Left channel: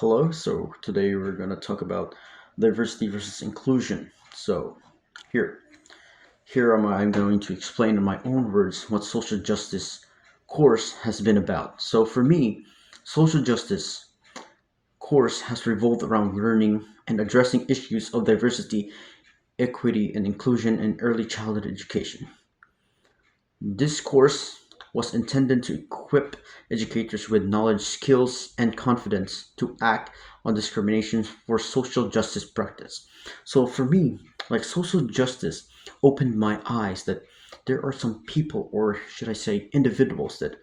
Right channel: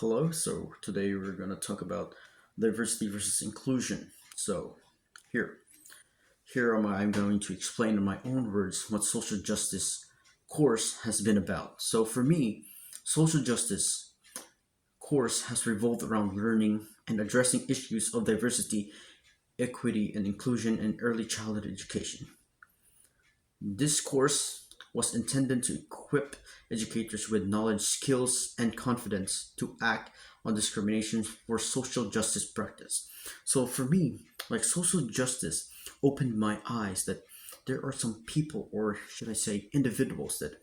Hello, so today we're going to talk about diversity versus inclusion. So, here, I'm going to explain in my own words what social justice course has been about. So, for me, social justice course has revolved around learning and addressing issues of diversity, equity, and inclusion in early childhood education. This course was intended to equip educators with knowledge, skills, and confidence to act on discrimination for social justice practice. So for me, like social justice opened my eyes that there are some people, or should I say individuals, that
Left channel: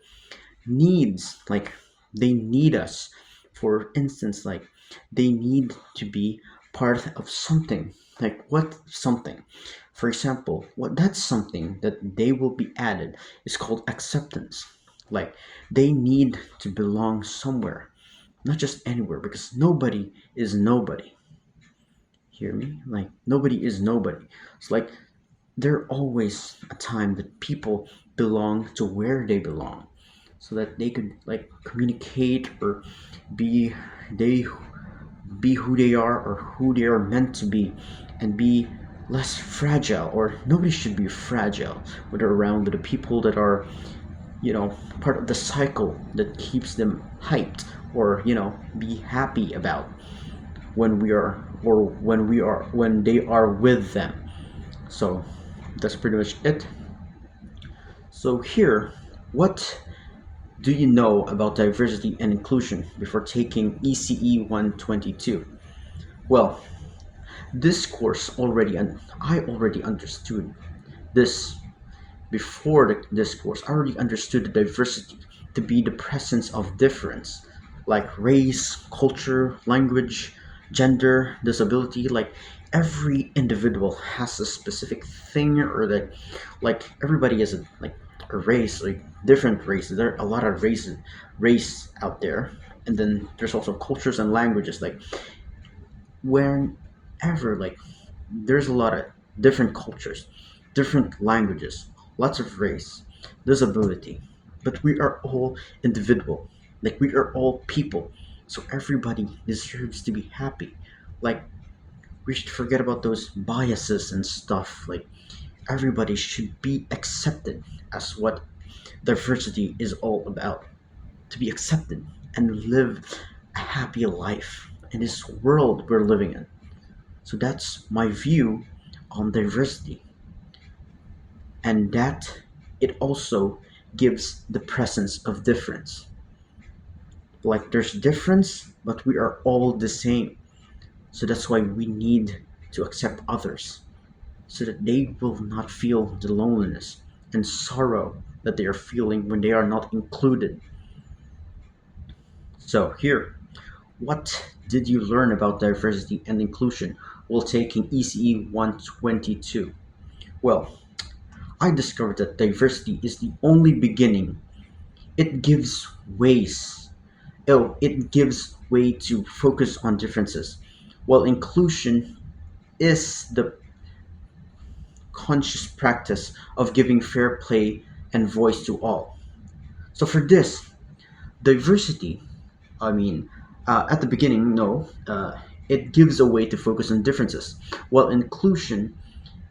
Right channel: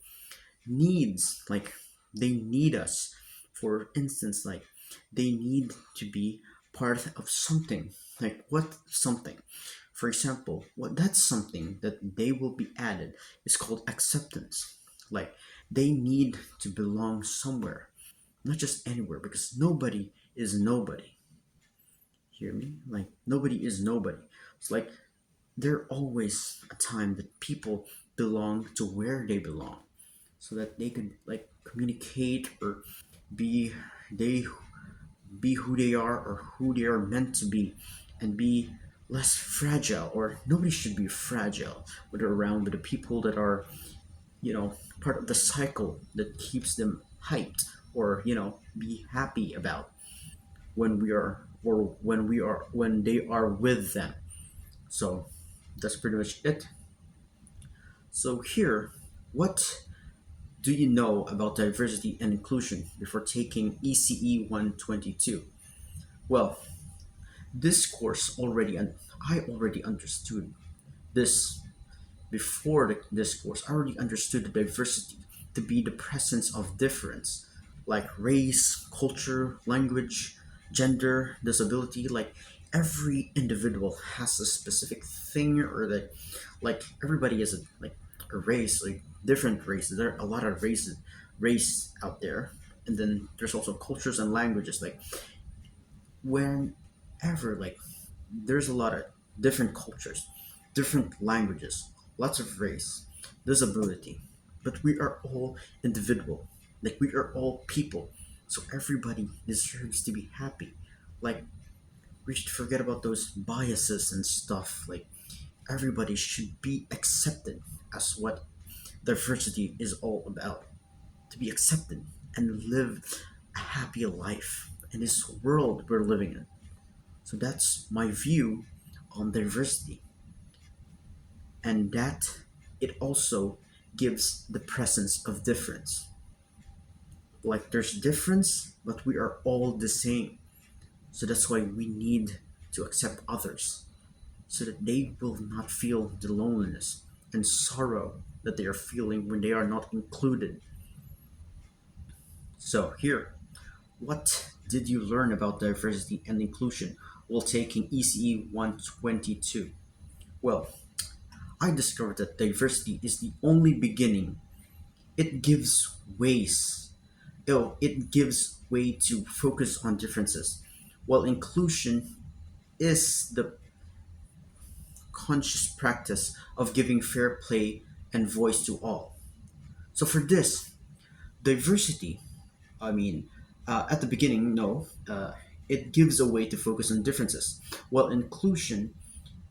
needs like they need us. For instance, like they need to be part of something. Like what something? For example, what that's something that they will be added is called acceptance. Like they need to belong somewhere, not just anywhere, because nobody is nobody. Hear me? Like nobody is nobody. It's like there always a time that people belong to where they belong, so that they could like communicate or be they be who they are or who they are meant to be, and be less fragile. Or nobody should be fragile when they're around with the people that are, part of the cycle that keeps them hyped, or be happy about when we are, or when they are with them. So that's pretty much it. So here, what do you know about diversity and inclusion before taking ECE 122? Well, this course I already understood this before this course. I already understood the diversity to be the presence of difference, like race, culture, language, gender, disability. Like every individual has a specific thing, or that, like everybody is a race, like different races. There are a lot of race out there, and then there's also cultures and languages. Like whenever, like there's a lot of different cultures, different languages, lots of race, disability, but we are all individual. Like we are all people, so everybody deserves to be happy. Like we should forget about those biases and stuff. Like everybody should be accepted as what diversity is all about, to be accepted and live a happy life in this world we're living in. So that's my view on diversity, and that it also gives the presence of difference. Like there's difference, but we are all the same. So that's why we need to accept others, so that they will not feel the loneliness and sorrow that they are feeling when they are not included. So here, what did you learn about diversity and inclusion while taking ECE 122? Well, I discovered that diversity is the only beginning. It gives ways. It gives way to focus on differences, while inclusion is the conscious practice of giving fair play and voice to all. So for this, diversity, I mean, at the beginning, no, it gives a way to focus on differences, while inclusion,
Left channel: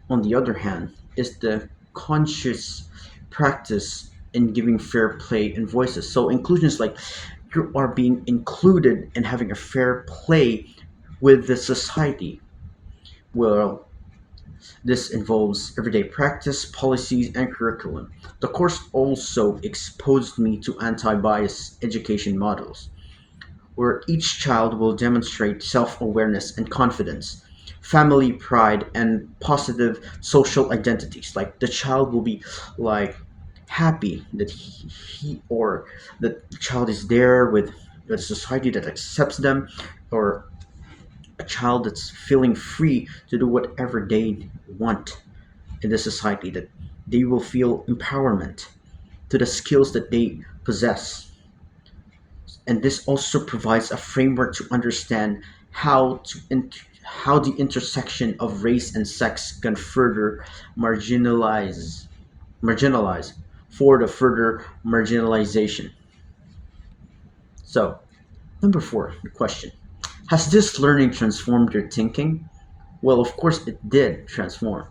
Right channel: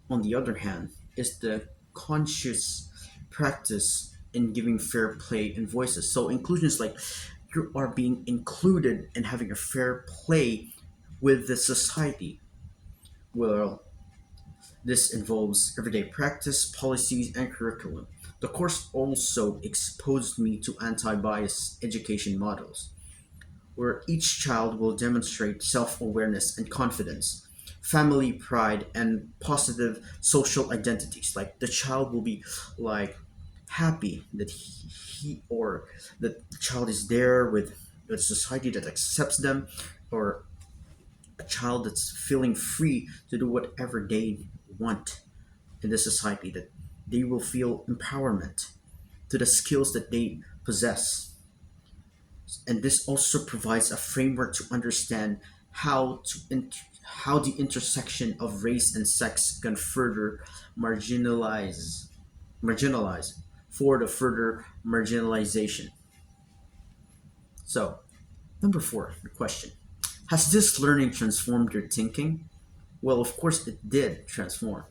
on the other hand, is the conscious practice in giving fair play and voices. So inclusion is like you are being included and having a fair play with the society. Well, this involves everyday practice, policies, and curriculum. The course also exposed me to anti bias education models, where each child will demonstrate self awareness and confidence, family pride, and positive social identities. Like the child will be like happy that he or that the child is there with a society that accepts them, or a child that's feeling free to do whatever they want in the society, that they will feel empowerment to the skills that they possess. And this also provides a framework to understand how the intersection of race and sex can further marginalize marginalize for the further marginalization. So Number four, the question: has this learning transformed your thinking? Well, of course, it did transform.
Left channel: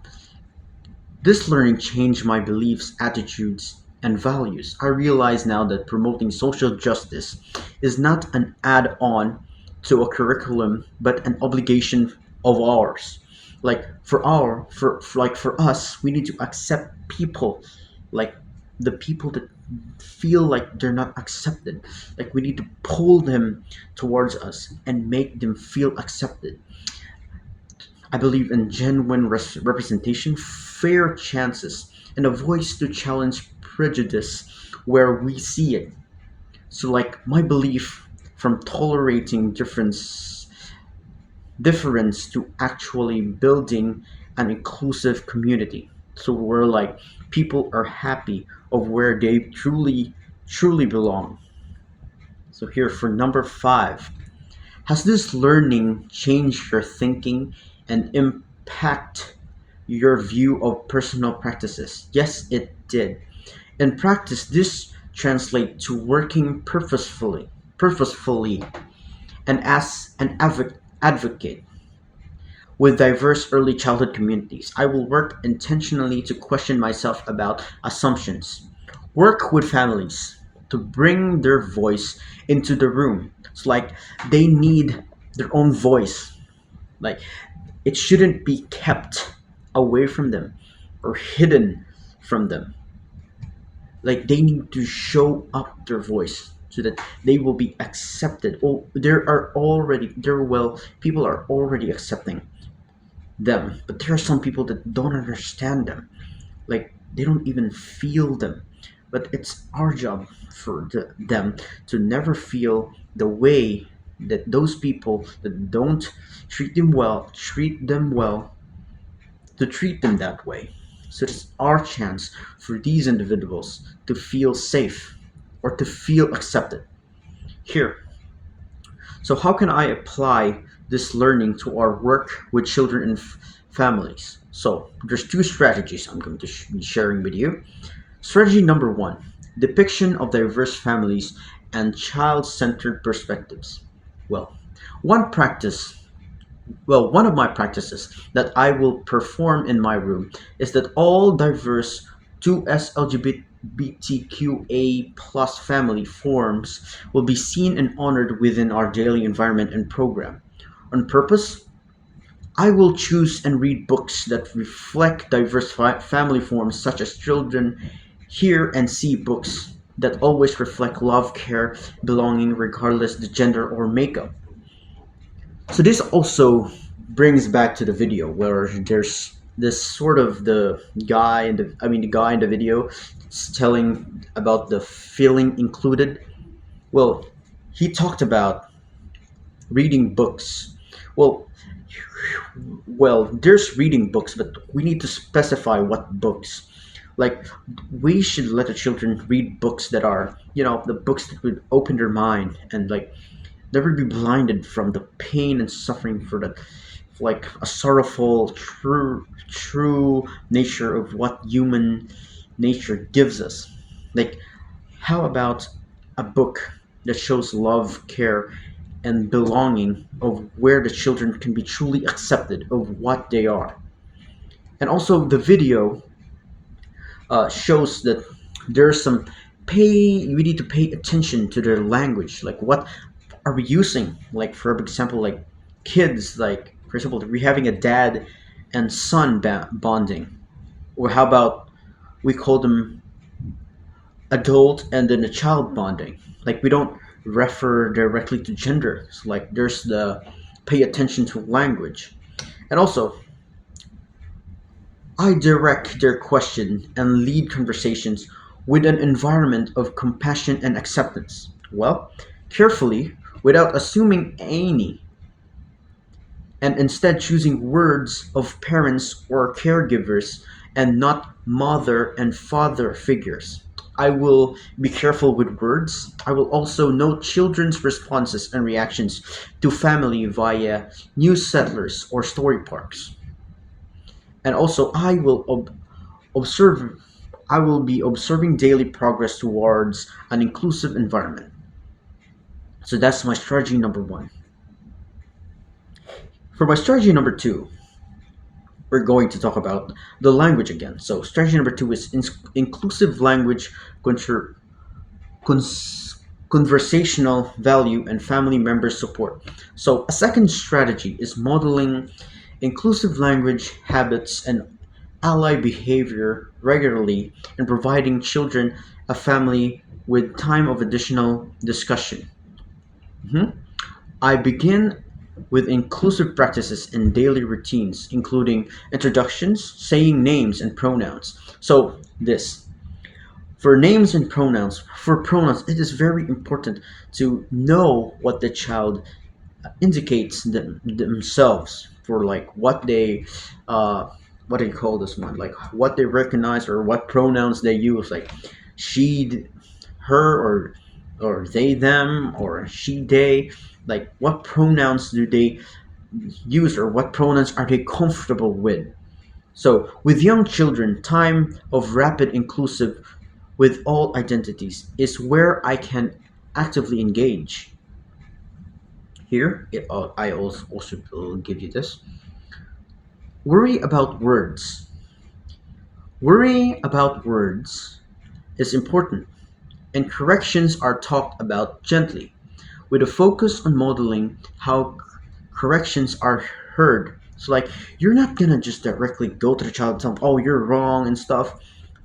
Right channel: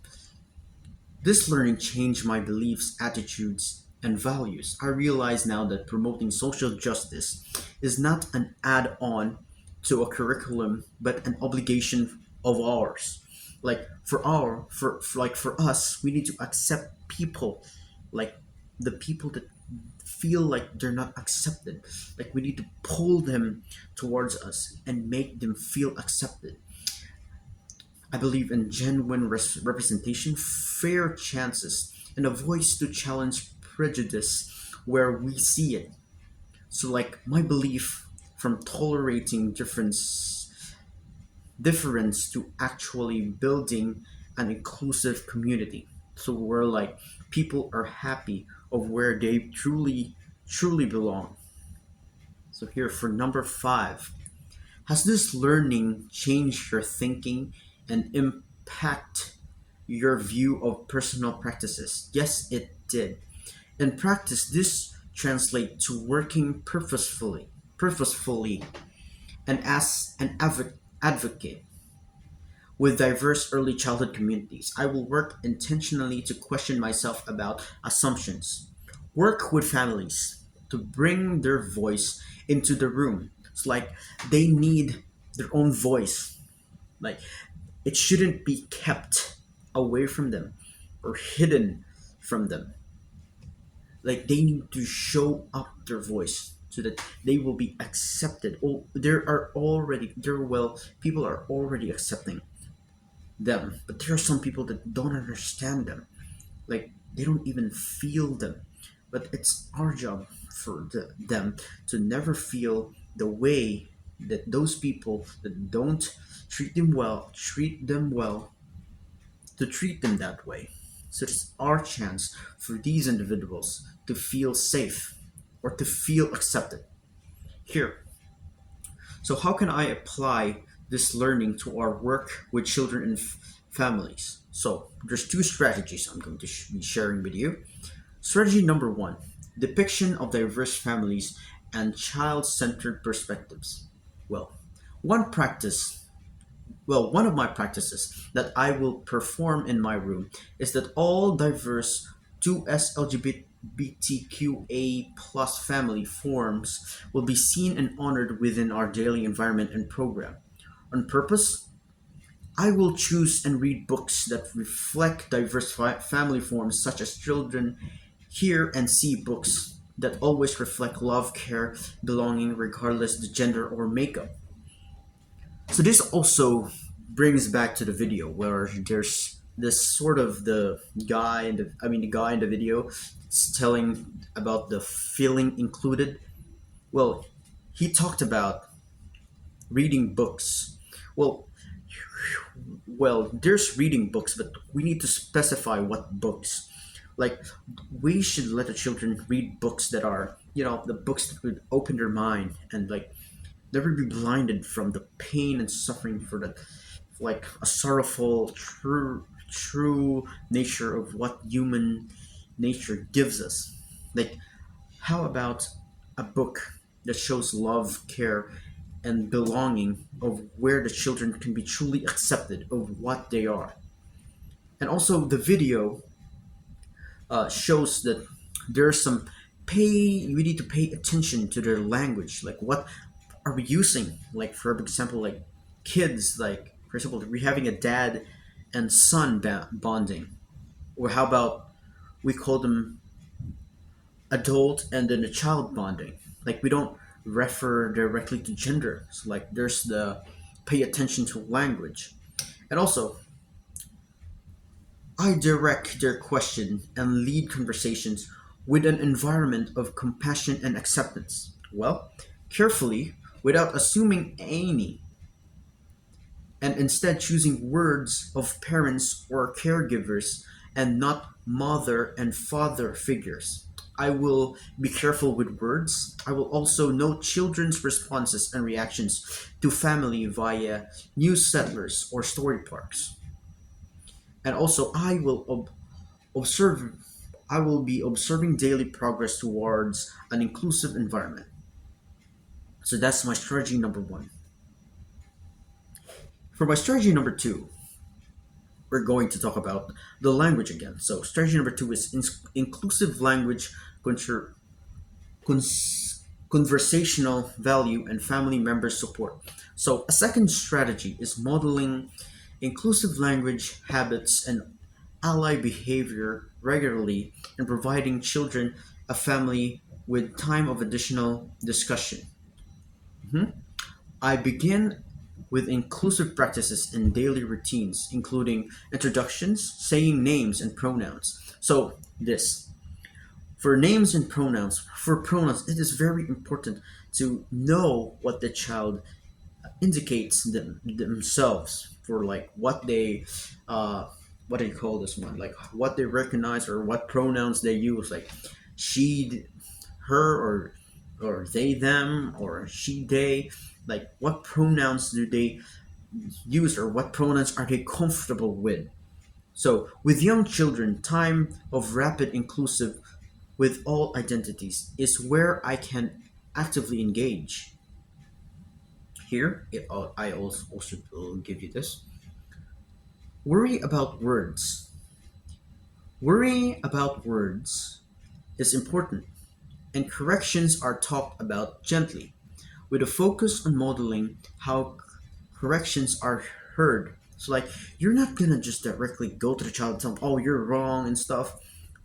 This learning changed my beliefs, attitudes, and values. I realize now that promoting social justice is not an add on to a curriculum, but an obligation of ours. Like for us, we need to accept people, like the people that feel like they're not accepted. Like we need to pull them towards us and make them feel accepted. I believe in genuine representation, fair chances, and a voice to challenge prejudice where we see it. So, like my belief from tolerating difference to actually building an inclusive community. So where like people are happy of where they truly belong. So here for number five, has this learning changed your thinking and impact your view of personal practices? Yes, it did. In practice, this translates to working purposefully, and as an advocate with diverse early childhood communities. I will work intentionally to question myself about assumptions. Work with families to bring their voice into the room. It's like they need their own voice. Like it shouldn't be kept away from them or hidden from them. Like they need to show up their voice so that they will be accepted. Oh, people are already accepting them, but there are some people that don't understand them. Like they don't even feel them. But it's our job for them to never feel the way that those people that don't treat them well, to treat them that way. So it's our chance for these individuals to feel safe or to feel accepted. Here, so how can I apply this learning to our work with children and families? So there's two strategies I'm going to be sharing with you. Strategy number one: depiction of diverse families and child-centered perspectives. Well, one practice one of my practices that I will perform in my room is that all diverse 2S LGBTQA plus family forms will be seen and honored within our daily environment and program. On purpose, I will choose and read books that reflect diverse family forms such as children hear and see books that always reflect love, care, belonging regardless the gender or makeup. So this also brings back to the video where there's this sort of the guy in the video is telling about the feeling included. Well, he talked about reading books. Well, there's reading books, but we need to specify what books. Like we should let the children read books that are, the books that would open their mind and like never be blinded from the pain and suffering for the like a sorrowful true nature of what human nature gives us. Like how about a book that shows love, care, and belonging of where the children can be truly accepted of what they are. And also the video shows that there's some pay we need to pay attention to their language, like what are we using, like for example, like kids, like for example we're having a dad and son bonding, or how about we call them adult and then a child bonding. Like we don't refer directly to gender. So like there's the pay attention to language. And also I direct their question and lead conversations with an environment of compassion and acceptance. Well, carefully, without assuming any, and instead choosing words of parents or caregivers and not mother and father figures. I will be careful with words. I will also note children's responses and reactions to family via new settlers or story parks. And also, observe. I will be observing daily progress towards an inclusive environment. So that's my strategy number one. For my strategy number two, we're going to talk about the language again. So strategy number two is inclusive language, contra- conversational value, and family member support. So a second strategy is modeling inclusive language habits and ally behavior regularly and providing children a family with time of additional discussion. Mhm. I begin with inclusive practices and daily routines, including introductions, saying names, and pronouns. So, this for names and pronouns, for pronouns, it is very important to know what the child indicates themselves for like uh what do you call this one, like what they recognize or what pronouns they use, like she, her, or they, them, or she, they, like what pronouns do they use or what pronouns are they comfortable with. So with young children, time of rapid inclusive with all identities is where I can actively engage. Here, I also will give you this. Worry about words. Worry about words is important, and corrections are talked about gently, with a focus on modeling how corrections are heard. So, like, you're not gonna just directly go to the child and tell them, "Oh, you're wrong" and stuff.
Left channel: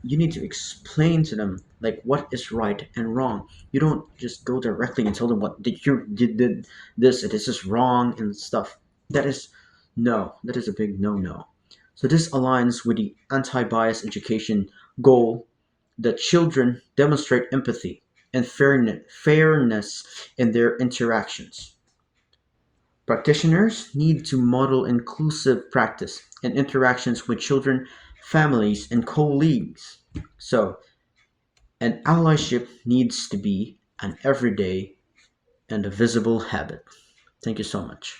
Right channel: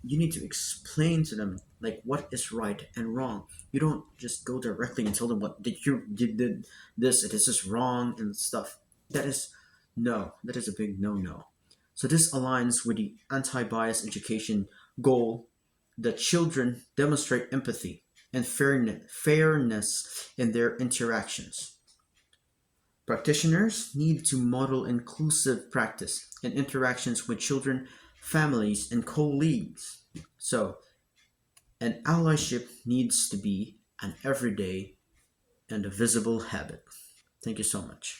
You need to explain to them like what is right and wrong. You don't just go directly and tell them what did you did this and this is wrong and stuff. That is no, that is a big no. So this aligns with the anti-bias education goal that children demonstrate empathy and fairness in their interactions. Practitioners need to model inclusive practice and interactions with children, families, and colleagues. So, an allyship needs to be an everyday and a visible habit. Thank you so much.